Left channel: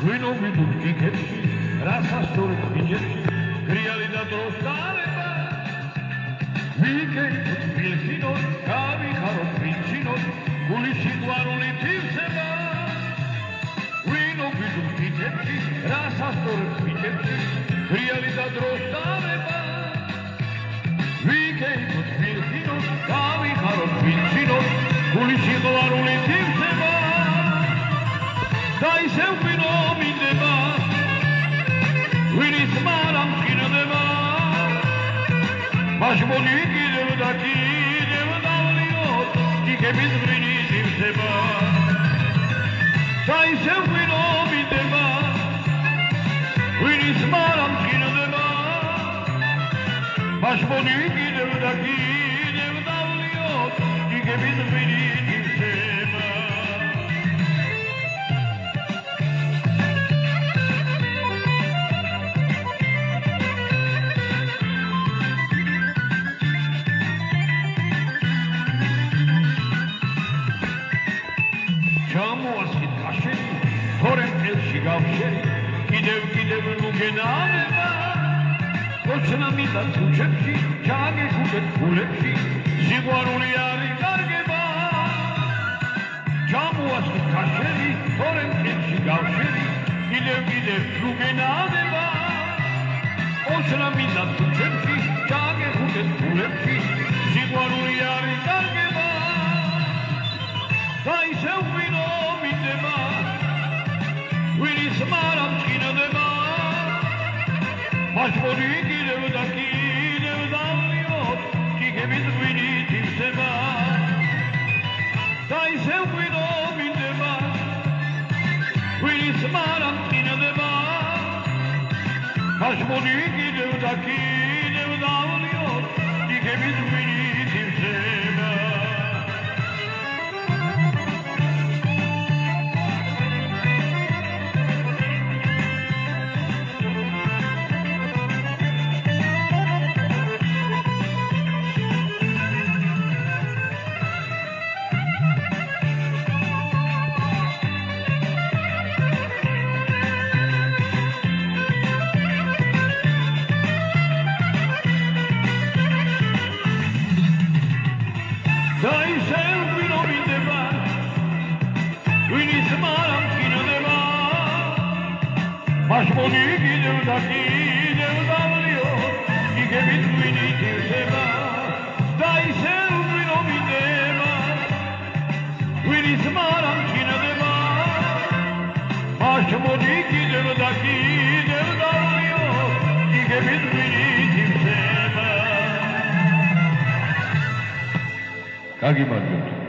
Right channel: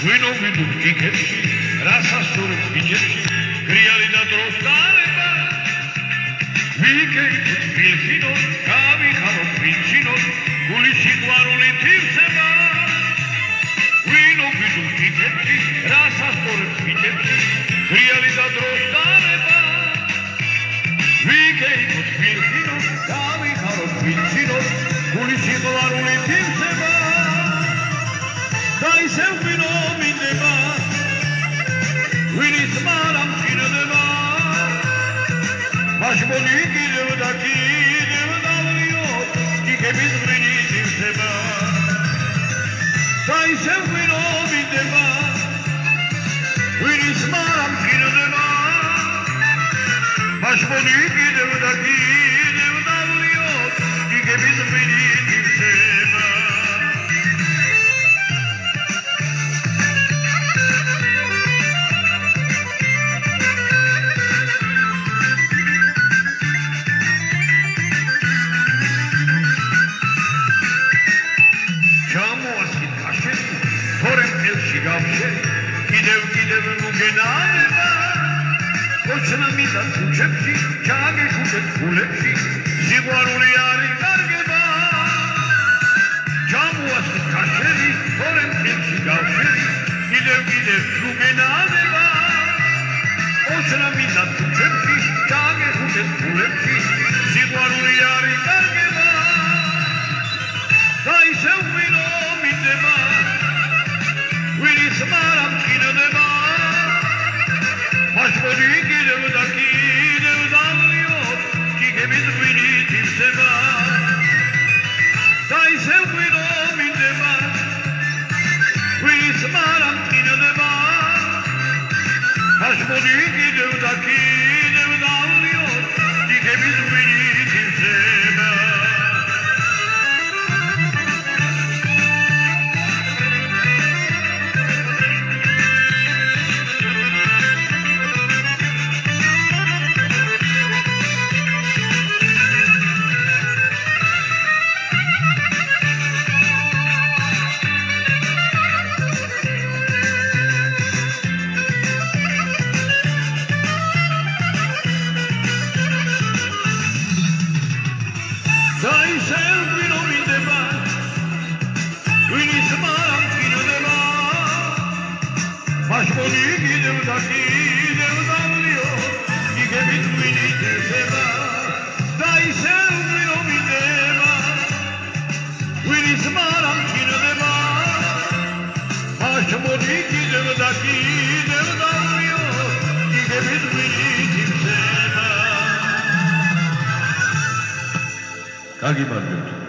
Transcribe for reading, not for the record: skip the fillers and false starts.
ვინო ვიდუქ იქებში რასასწორებს ბიჭებში გრიალი და დროს დარება ვიგეიქოთ ფილხინოთ გავიხაროთ ვინჩინოთ გული სიყვარული თივსება ვინო ვიდუქ იქებში რასასწორებს ბიჭებში გრიალი და დროს დარება ვიგეიქოთ ფილხინოთ გავიხაროთ ვინჩინოთ გული სიყვარული თივსება და ისევ ვინო მინდება ვინის მარამ წინდება მაშმონი კიდევ და კიდევ დავლიოთ იგების ღვინის ივსება და ისევ ვინო მინდება ვინის მარამ წინდება მაშმონი კიდევ და კიდევ დავლიოთ იგების ღვინის ივსება კიდევ მოგენანება ოჩნა მიდა თუჩებში ჩაგეხუტეთ ფულებში სიყვარული არის კარგება ჩამოასხეთ ქაშები თორემ წელში გავშერი კიდევ მოგენანება ოჩნა მიდა თუჩებში ჩაგეხუტეთ ფულებში სიყვარული არის კარგება და ისევ ვინო მინდება ვინის მარამ წინდება მაშმონი კიდევ და კიდევ დავლიოთ იგების ღვინით ივსება და ისევ ვინო მინდება ვინის მარამ წინდება მაშმონი კიდევ და კიდევ დავლიოთ იგების ღვინით ივსება მაშმონი კიდევ და კიდევ დავლიოთ იგებით ღვინით ივსება და ისევ ვინო მინდება ვინის მარამ წინდება მაშმონი კიდევ და კიდევ დავლიოთ იგებით ღვინით ივსება. კარგი მადლობა.